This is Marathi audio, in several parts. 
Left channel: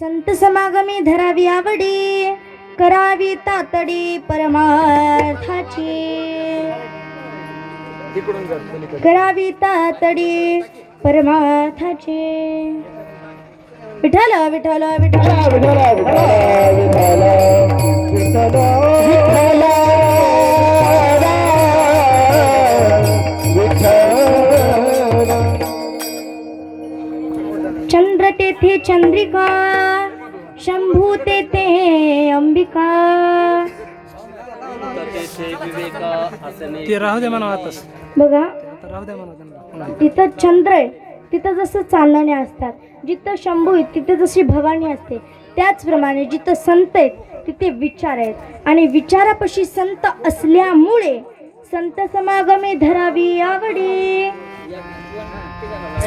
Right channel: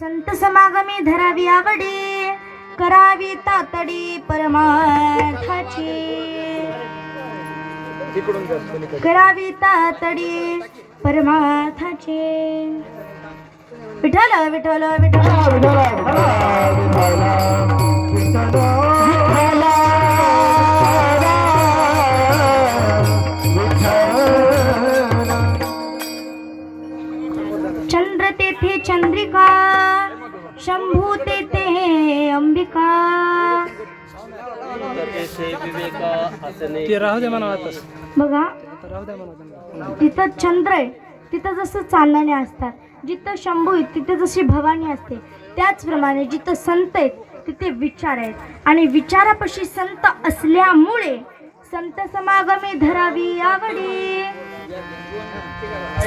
संत समागमी धरावी आवडी, करावी तातडी परमार्थाची, करावी तातडी परमार्थाची. विठ्ठल विठ्ठल विठ्ठल चंद्र तेथे चंद्रिका, शंभू तेथे अंबिका. ते राहू दे म्हणावं. बघा राहू दे म्हणा. तिथं चंद्र आहे तिथं जसं चांदणे असतात, जिथं शंभू आहे तिथे जशी भवानी असते, त्याचप्रमाणे जिथं संत आहेत तिथे विचार आहेत. आणि विचारापाशी संत असल्यामुळे संत समागमी धरावी आवडी.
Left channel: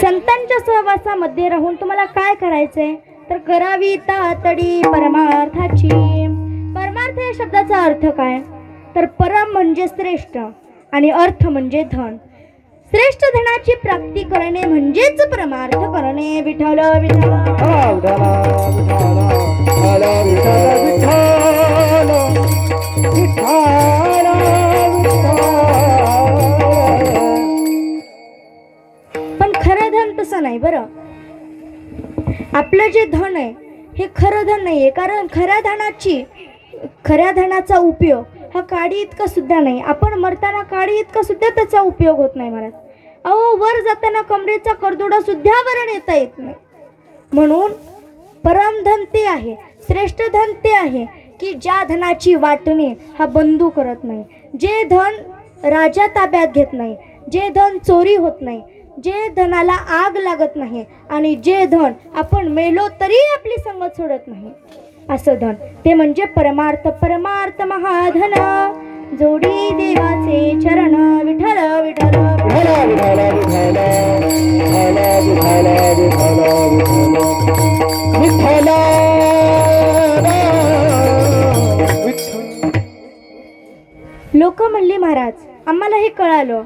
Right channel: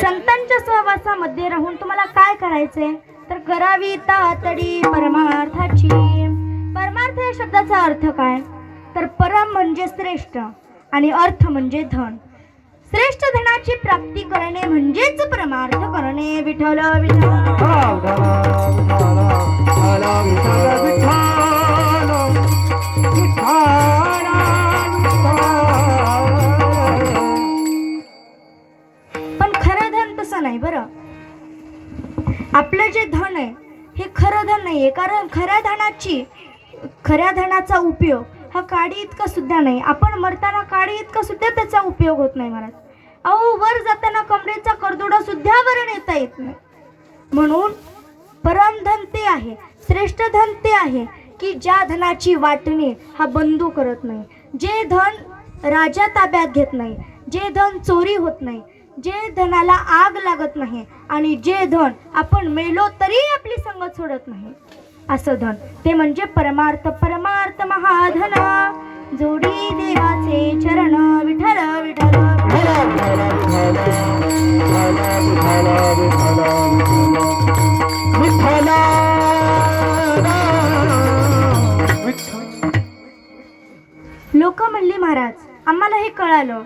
संतांच्या सहवासामध्ये राहून तुम्हाला काय करायचंय तर करावी तातडी परमार्थाची. परमार्थ या शब्दाचा अर्थ काय तर परम म्हणजे श्रेष्ठ आणि अर्थ म्हणजे धन. श्रेष्ठ धनाची प्राप्ती करणे म्हणजेच परमार्थ करणे. विठ्ठल पण खरं धन तसं नाही बरं. आपलं जे धन आहे हे खरं धन नाहीये, कारण खऱ्या धनाचा उपयोग हा काडी इतका सुद्धा नाही. आपण मरताना काडी इतका सुद्धा त्याचा उपयोग होत नाही महाराज. अहो वर जाताना कमरेचा करदोडा सुद्धा वर नेता येत नाही. म्हणून परमधन ते आहे, श्रेष्ठ धन ते आहे की ज्या धनाची वाटणे हा बंधू करत नाही, जे धन राजा ताब्यात घेत नाही, जे धन चोरी होत नाही, जे धनाला आग लागत नाही, आणि जे धन आपण मेलो तरी आपली संगत सोडत नाही असं धन, ते म्हणजे परमार्थ. परमार्थ महाधन जोडी देवाचे चरण. विठ्ठल विठ्ठल लोक म्हणली महाराज आम्हाला हे कळालं,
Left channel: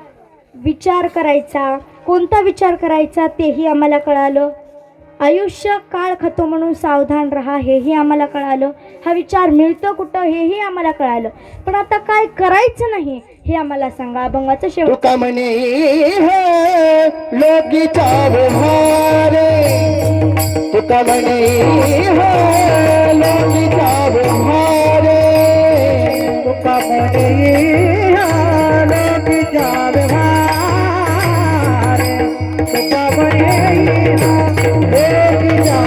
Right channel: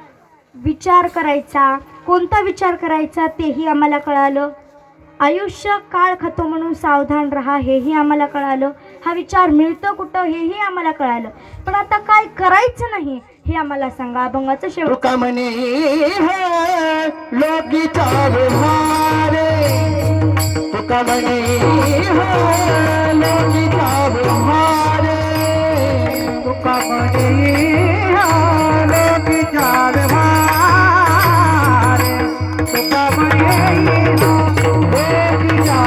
विचार करायचा, कोणता विचार करायचा तेही आम्हाला कळालं. आयुष्य काळ खातो म्हणून सावधान राहा हेही आम्हाला कळालं. हा विचार मिळतो कुठं हेही आम्हाला कळालं. पण आता काय करायचं नाही हे आम्हाला सांगा. अभंगाचं शेवट. तुका म्हणे लोकीचा व्यवहारे, तुका म्हणे लोकीचा व्यवहारे, तुका म्हणे लोकीचा व्यवहारे, तुका म्हणे लोकीचा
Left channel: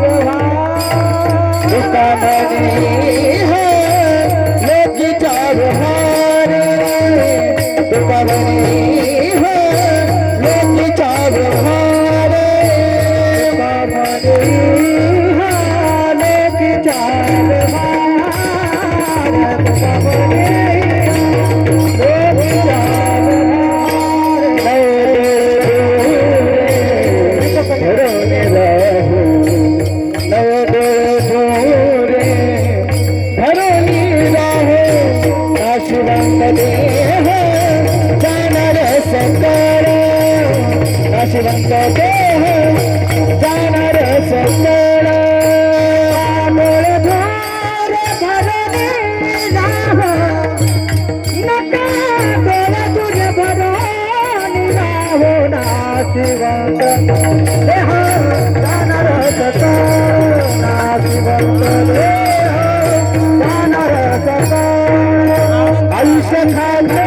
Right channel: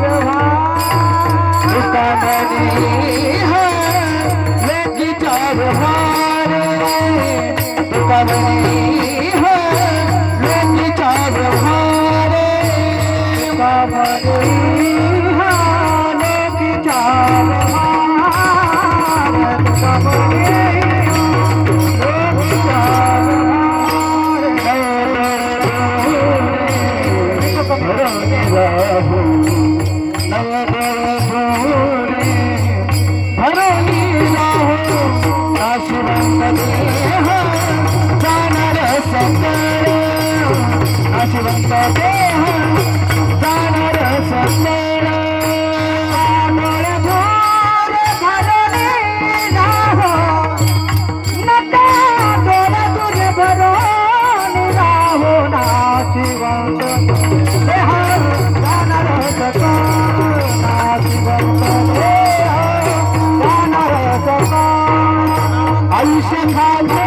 व्यवहार, तुका म्हणे लोकीचा व्यवहारे, तुका म्हणे लोकीचा व्यवहारे, तुका म्हणे लोकीचा व्यवहार, तुका म्हणे लोकीचा नाशिवंत देह जाणार सकळ, डोळे धोर भरणे राहो, नका डोळे तुझे भरून राहो. नाशिवंत देह जाणार सकळ, नाशिवंत देह जाणार सकळ. आयुष्य खाले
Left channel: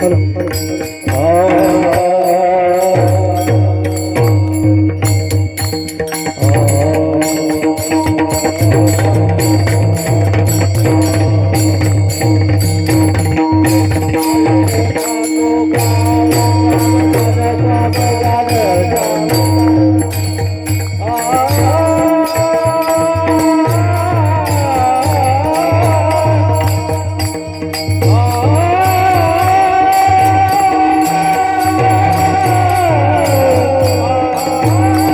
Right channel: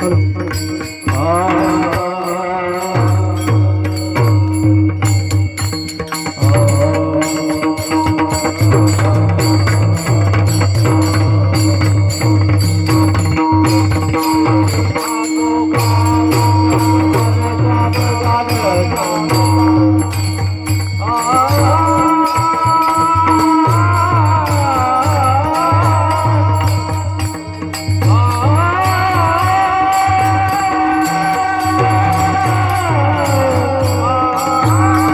हॅलो